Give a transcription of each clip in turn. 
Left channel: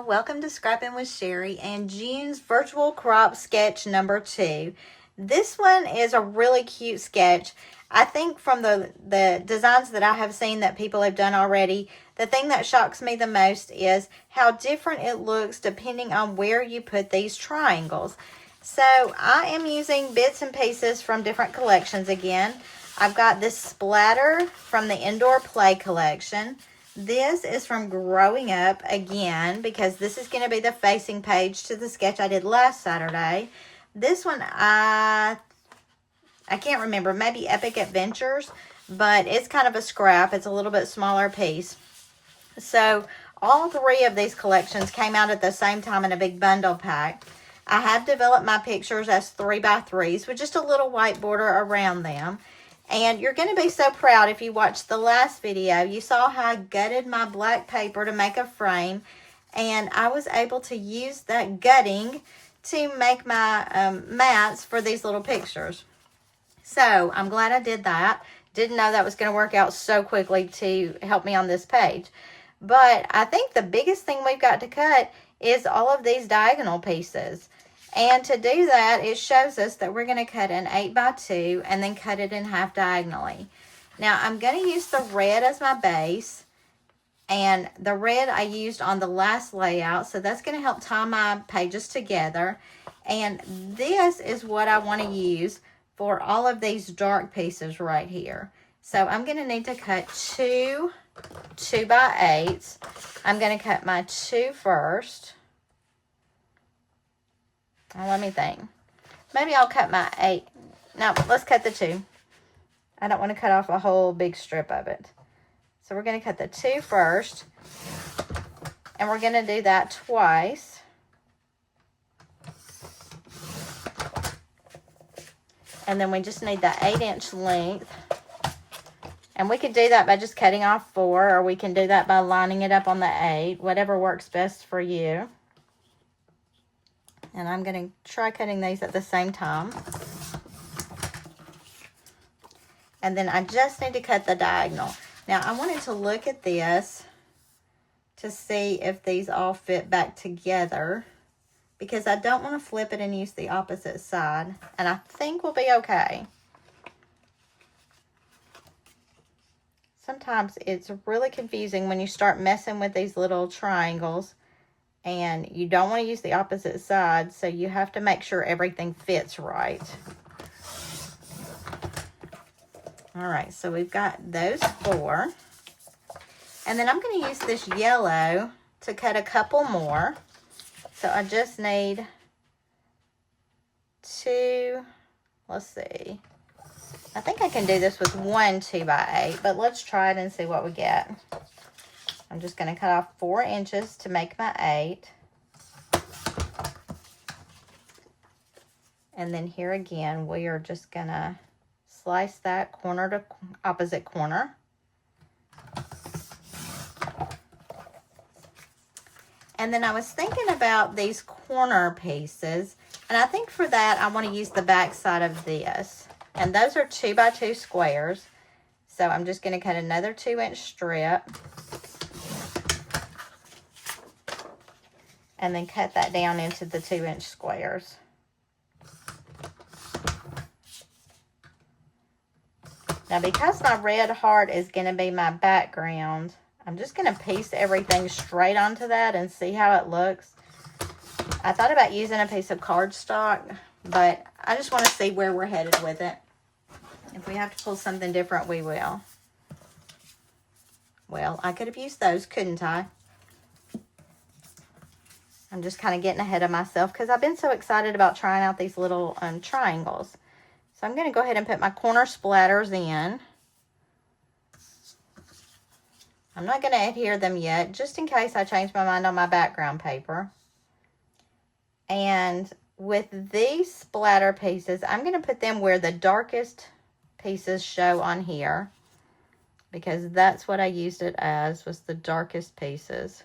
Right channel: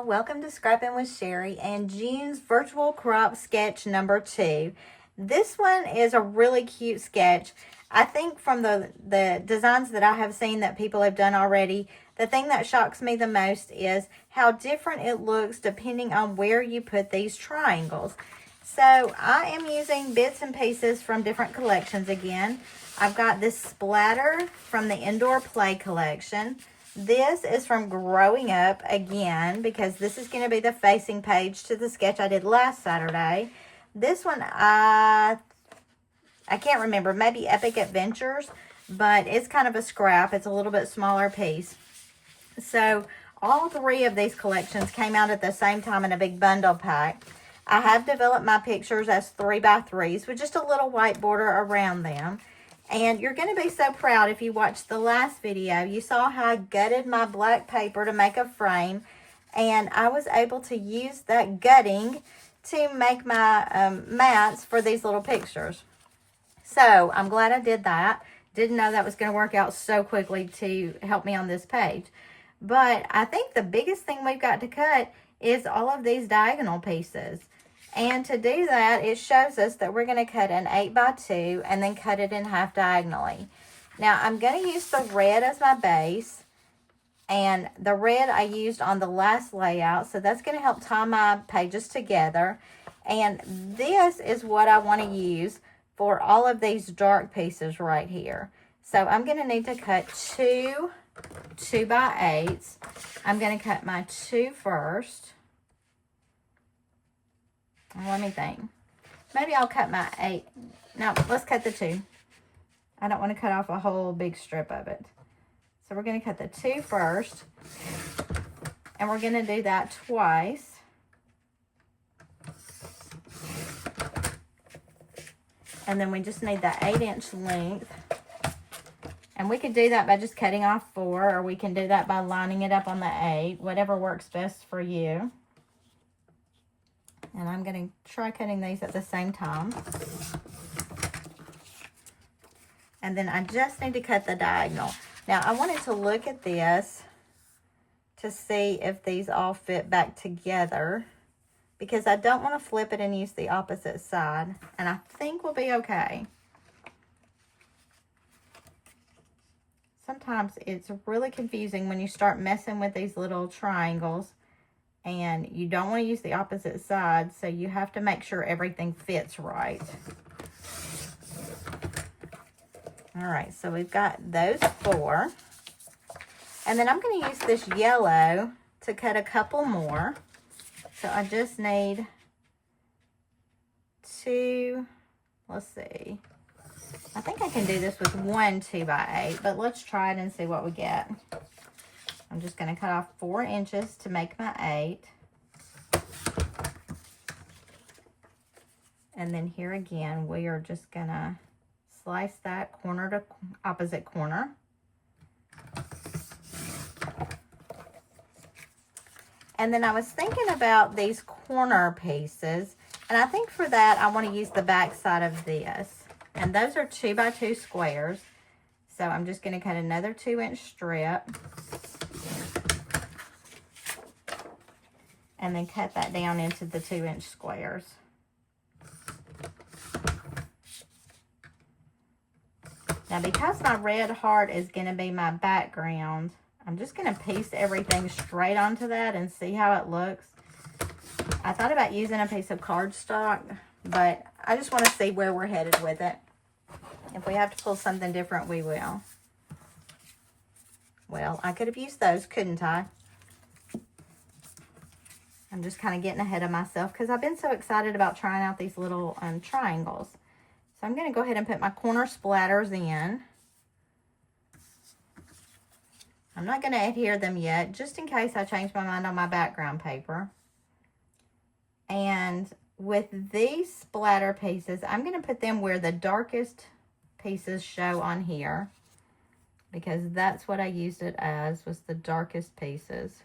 y'all, welcome to Scrappin with Sheri and June's virtual crop sketch number 2. This one is a really cute sketch. I think from the designs that I have seen that people have done already, the thing that shocks me the most is how different it looks depending on where you put these triangles. So I am using bits and pieces from different collections again. I've got this splatter from the Indoor Play collection. This is from Growing Up again, because this is going to be the facing page to the sketch I did last Saturday. This one, I can't remember, maybe Epic Adventures, but it's kind of a scrap. It's a little bit smaller piece. So all 3 of these collections came out at the same time in a big bundle pack. I have developed my pictures as 3x3s with just a little white border around them. And you're going to be so proud if you watched the last video. You saw how I gutted my black paper to make a frame. And I was able to use that gutting to make my mats for these little pictures. So I'm glad I did that. Didn't know that was going to work out so quickly to help me on this page. But I think the biggest thing we've got to cut is all of these diagonal pieces. And to do that, it shows us that we're going to cut an 8x2 and then cut it in half diagonally. Now, I'm going to use the red as my base. And the red I used on the last layout. So that's going to help tie my pages together. And this is what I want to use for all of these dark pieces right here. So I'm going to need to cut 2 2x8s. I'm going to cut my 2 first. Now, let me think. Maybe I'll cut my 8. No, let's cut the 2. I don't want to cut off a whole big strip of it. So we're going to cut the 2 first. And we're going to do that twice. And then we just need the 8-inch length. And we could do that by just cutting off 4. Or we can do that by lining it up on the 8. Whatever works best for you. And I'm going to try cutting these at the same time. And then I just need to cut the diagonal. Now, I wanted to look at this to see if these all fit back together, because I don't want to flip it and use the opposite side. And I think we'll be okay. Sometimes it's really confusing when you start messing with these little triangles. And you don't want to use the opposite side, so you have to make sure everything fits right. All right, so we've got those 4. And then I'm going to use this yellow to cut a couple more. So I just need 2, let's see. I think I can do this with 1 2x8, but let's try it and see what we get. I'm just going to cut off 4 inches to make my 8. And then here again, we are just going to slice that corner to opposite corner. And then I was thinking about these corner pieces. And I think for that, I want to use the back side of this. And those are 2x2 squares. So I'm just going to cut another 2-inch strip. And then cut that down into the 2-inch squares. Now, because my red heart is going to be my background, I'm just going to piece everything straight onto that and see how it looks. I thought about using a piece of cardstock, but I just want to see where we're headed with it. If we have to pull something different, we will. Well, I could have used those, couldn't I? I'm just kind of getting ahead of myself because I've been so excited about trying out these little triangles. So I'm going to go ahead and put my corner splatters in. I'm not going to adhere them yet, just in case I change my mind on my background paper. And with these splatter pieces, I'm going to put them where the darkest pieces show on here, because that's what I used it as, was the darkest pieces.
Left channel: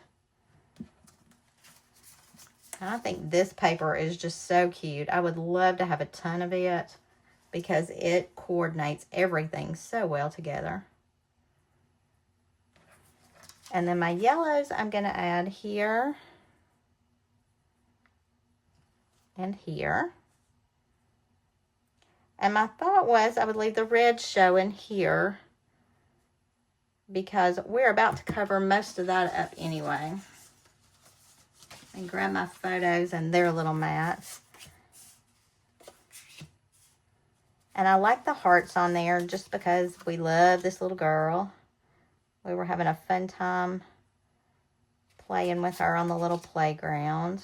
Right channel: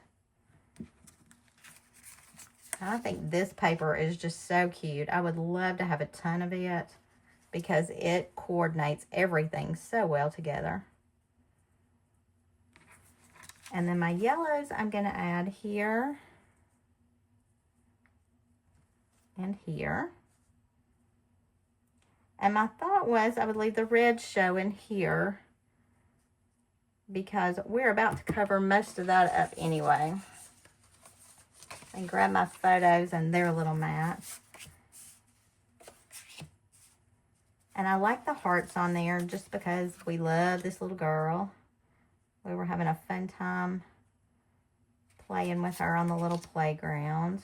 I think this paper is just so cute. I would love to have a ton of it because it coordinates everything so well together. And then my yellows I'm going to add here and here. And my thought was I would leave the red showing here because we're about to cover most of that up anyway. And grab my photos and their little mats. And I like the hearts on there just because we love this little girl. We were having a fun time playing with her on the little playground.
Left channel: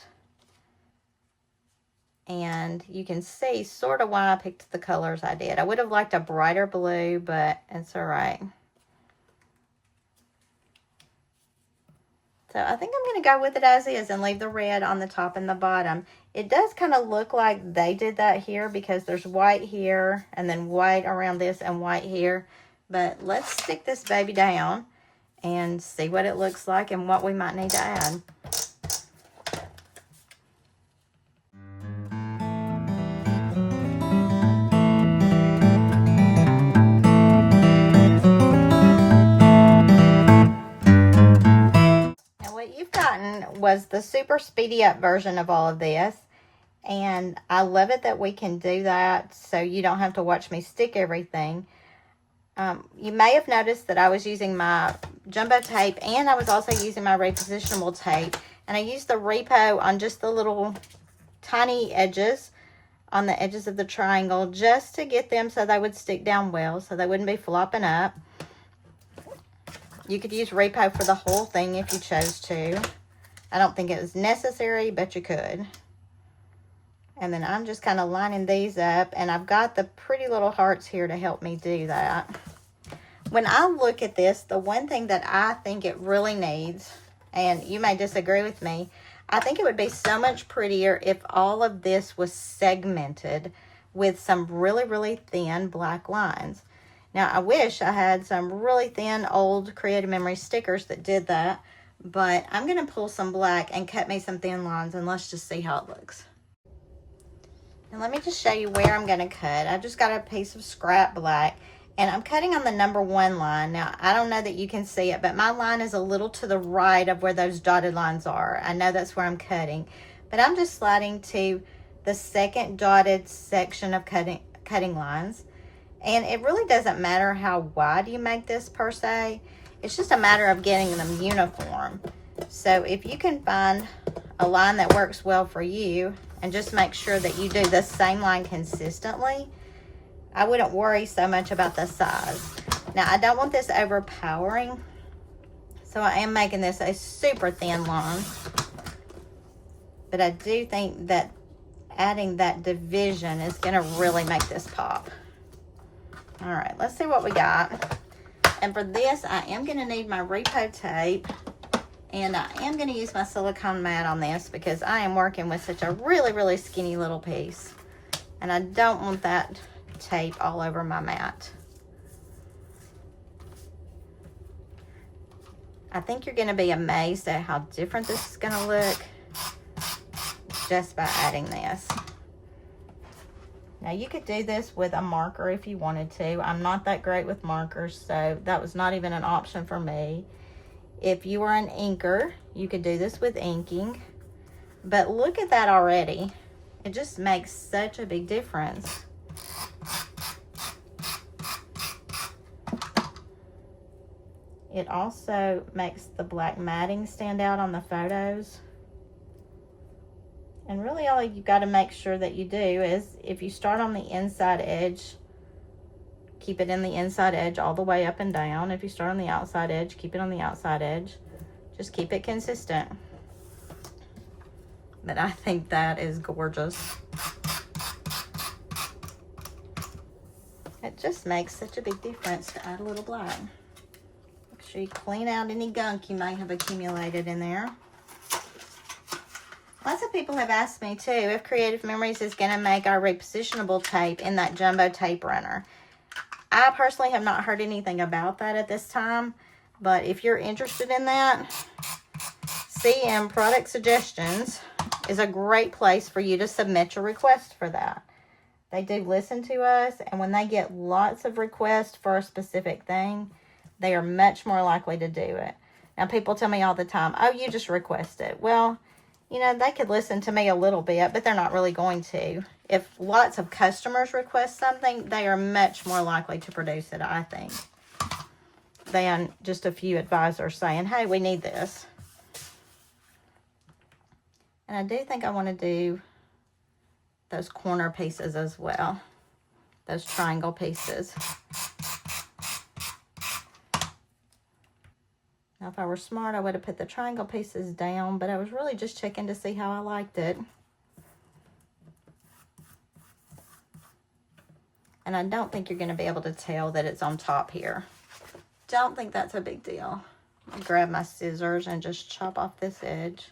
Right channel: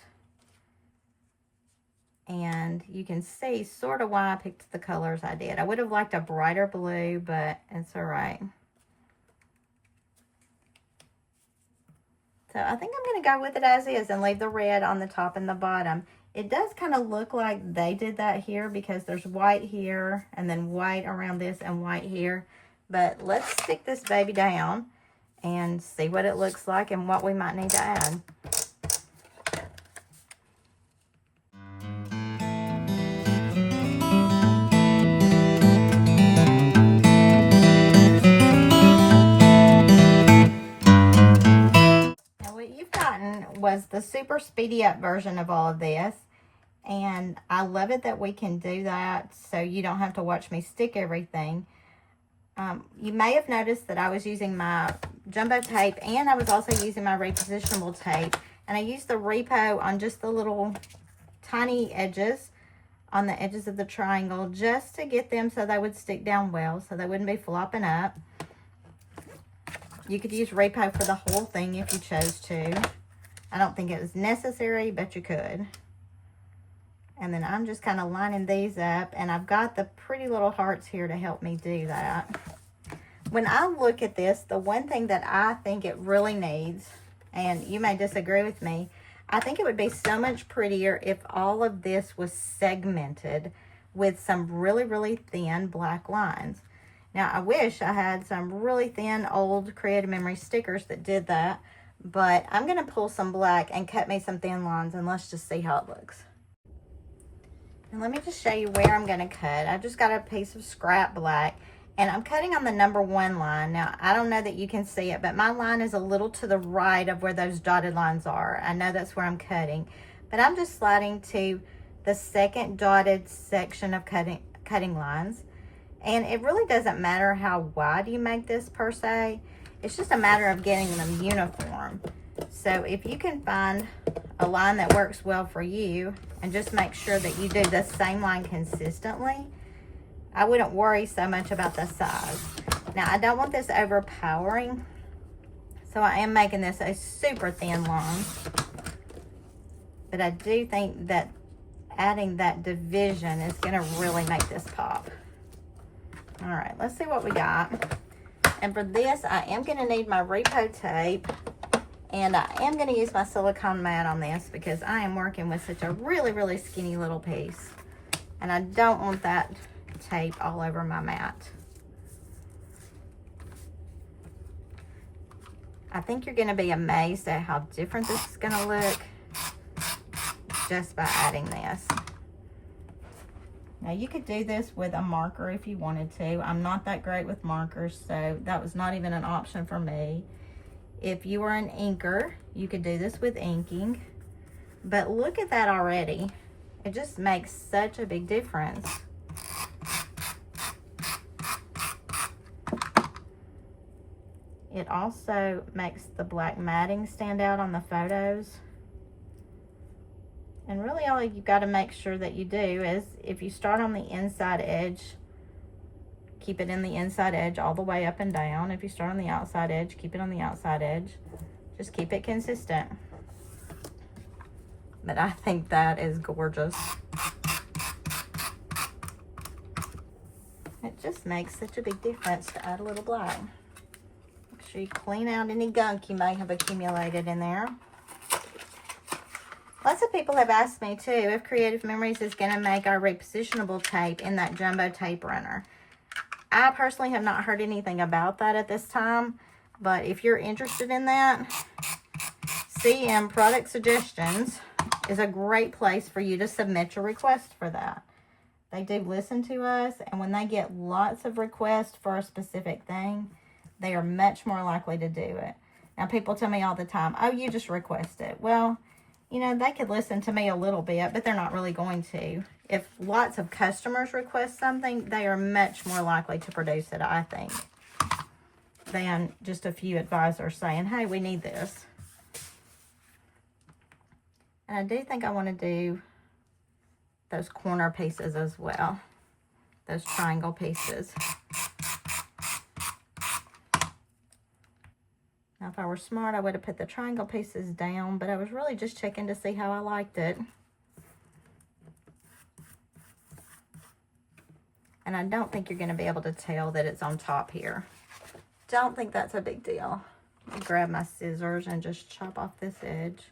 And you can see sort of why I picked the colors I did. I would have liked a brighter blue, but it's all right. So I think I'm going to go with it as is and leave the red on the top and the bottom. It does kind of look like they did that here because there's white here and then white around this and white here. But let's stick this baby down and see what it looks like and what we might need to add. Was the super speedy up version of all of this, and I love it that we can do that so you don't have to watch me stick everything. You may have noticed that I was using my jumbo tape and I was also using my repositionable tape, and I used the repo on just the little tiny edges on the edges of the triangle just to get them so they would stick down well, so they wouldn't be flopping up. You could use repo for the whole thing if you chose to. I don't think it was necessary, but you could. And then I'm just kind of lining these up, and I've got the pretty little hearts here to help me do that. When I look at this, the one thing that I think it really needs, and you may disagree with me, I think it would be so much prettier if all of this was segmented with some really, really thin black lines. Now, I wish I had some really thin old Creative Memory stickers that did that. But I'm going to pull some black and cut me some thin lines, and let's just see how it looks. And let me just show you where I'm going to cut. I just got a piece of scrap black, and I'm cutting on the number 1 line. Now, I don't know that you can see it, but my line is a little to the right of where those dotted lines are. I know that's where I'm cutting, but I'm just sliding to the second dotted section of cutting lines. And it really doesn't matter how wide you make this per se. It's just a matter of getting them uniform. So if you can find a line that works well for you and just make sure that you do the same line consistently, I wouldn't worry so much about the size. Now, I don't want this overpowering, so I am making this a super thin line. But I do think that adding that division is going to really make this pop. All right, let's see what we got. And for this, I am going to need my repo tape, and I am going to use my silicone mat on this because I am working with such a really, really skinny little piece. And I don't want that tape all over my mat. I think you're going to be amazed at how different this is going to look just by adding this. Now, you could do this with a marker if you wanted to. I'm not that great with markers, so that was not even an option for me. If you were an inker, you could do this with inking. But look at that already. It just makes such a big difference. It also makes the black matting stand out on the photos. And really all you got to make sure that you do is if you start on the inside edge, keep it in the inside edge all the way up and down. If you start on the outside edge, keep it on the outside edge. Just keep it consistent. But I think that is gorgeous. It just makes such a big difference to add a little black. Make sure you clean out any gunk you may have accumulated in there. Lots of people have asked me, too, if Creative Memories is going to make our repositionable tape in that jumbo tape runner. I personally have not heard anything about that at this time, but if you're interested in that, CM Product Suggestions is a great place for you to submit your request for that. They do listen to us, and when they get lots of requests for a specific thing, they are much more likely to do it. Now, people tell me all the time, oh, you just request it. Well, you know, they could listen to me a little bit, but they're not really going to. If lots of customers request something, they are much more likely to produce it, I think, than just a few advisors saying, hey, we need this. And I do think I want to do those corner pieces as well, those triangle pieces. Now, if I were smart, I would have put the triangle pieces down, but I was really just checking to see how I liked it. And I don't think you're going to be able to tell that it's on top here. Don't think that's a big deal. I grab my scissors and just chop off this edge.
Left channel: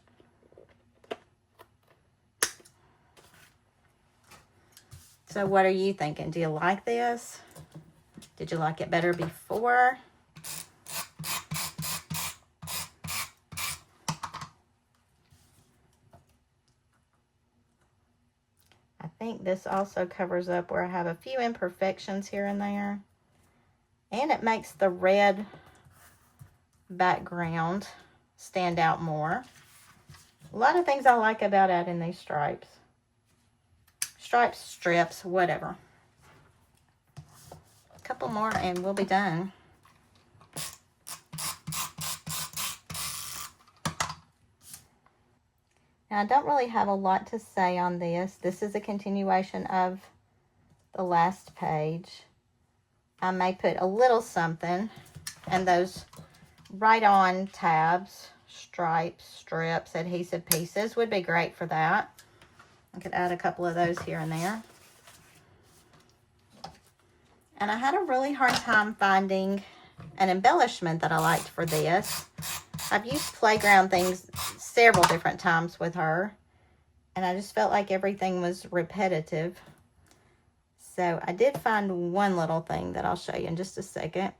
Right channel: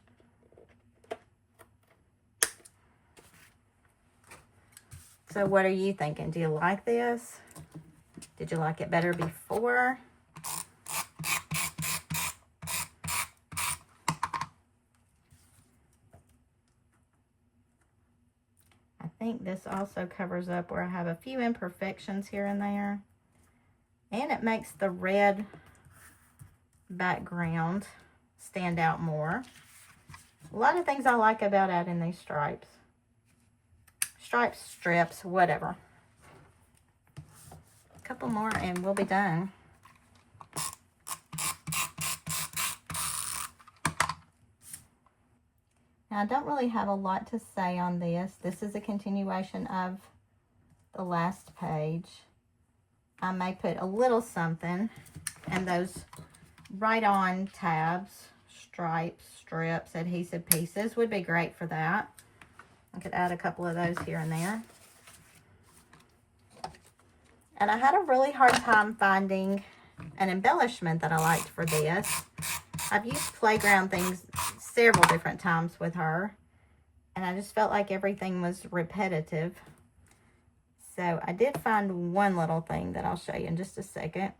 So what are you thinking? Do you like this? Did you like it better before? I think this also covers up where I have a few imperfections here and there. And it makes the red background stand out more. A lot of things I like about adding these stripes. Stripes, strips, whatever. A couple more and we'll be done. Now, I don't really have a lot to say on this. This is a continuation of the last page. I may put a little something, and those right-on tabs, stripes, strips, adhesive pieces would be great for that. I could add a couple of those here and there. And I had a really hard time finding an embellishment that I liked for this. I've used playground things several different times with her, and I just felt like everything was repetitive. So I did find one little thing that I'll show you in just a second.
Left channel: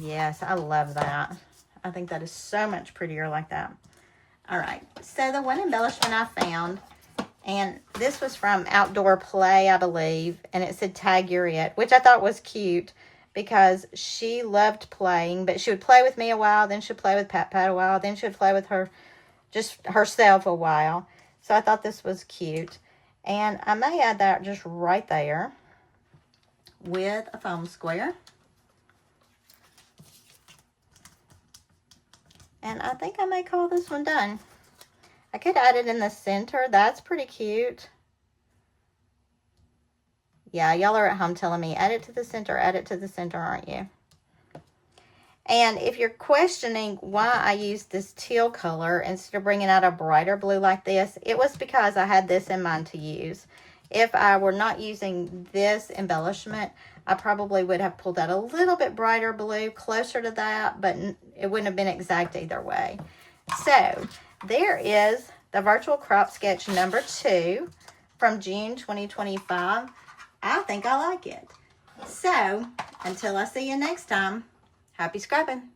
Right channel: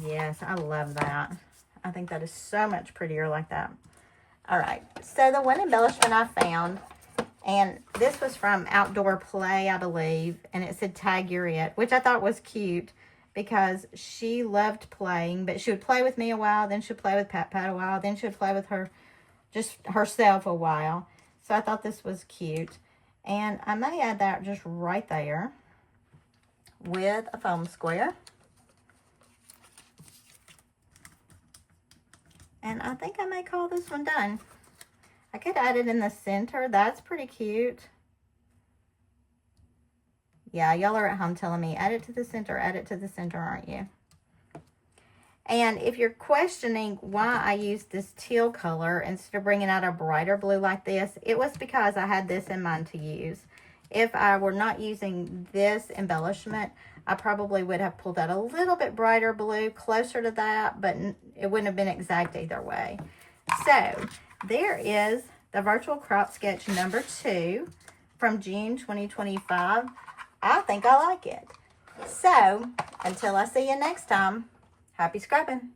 Yes, I love that. I think that is so much prettier like that. All right, so the one embellishment I found, and this was from Outdoor Play, I believe, and it said tag your it, which I thought was cute because she loved playing, but she would play with me a while, then she'd play with Pat a while, then she would play with her, just herself a while. So I thought this was cute. And I may add that just right there with a foam square. And I think I may call this one done. I could add it in the center. That's pretty cute. Yeah, y'all are at home telling me, add it to the center, aren't you? And if you're questioning why I used this teal color instead of bringing out a brighter blue like this, it was because I had this in mind to use. If I were not using this embellishment, I probably would have pulled out a little bit brighter blue, closer to that, but it wouldn't have been exact either way. So, there is the virtual crop sketch number 2 from June 2025. I think I like it. So, until I see you next time, happy scrapping.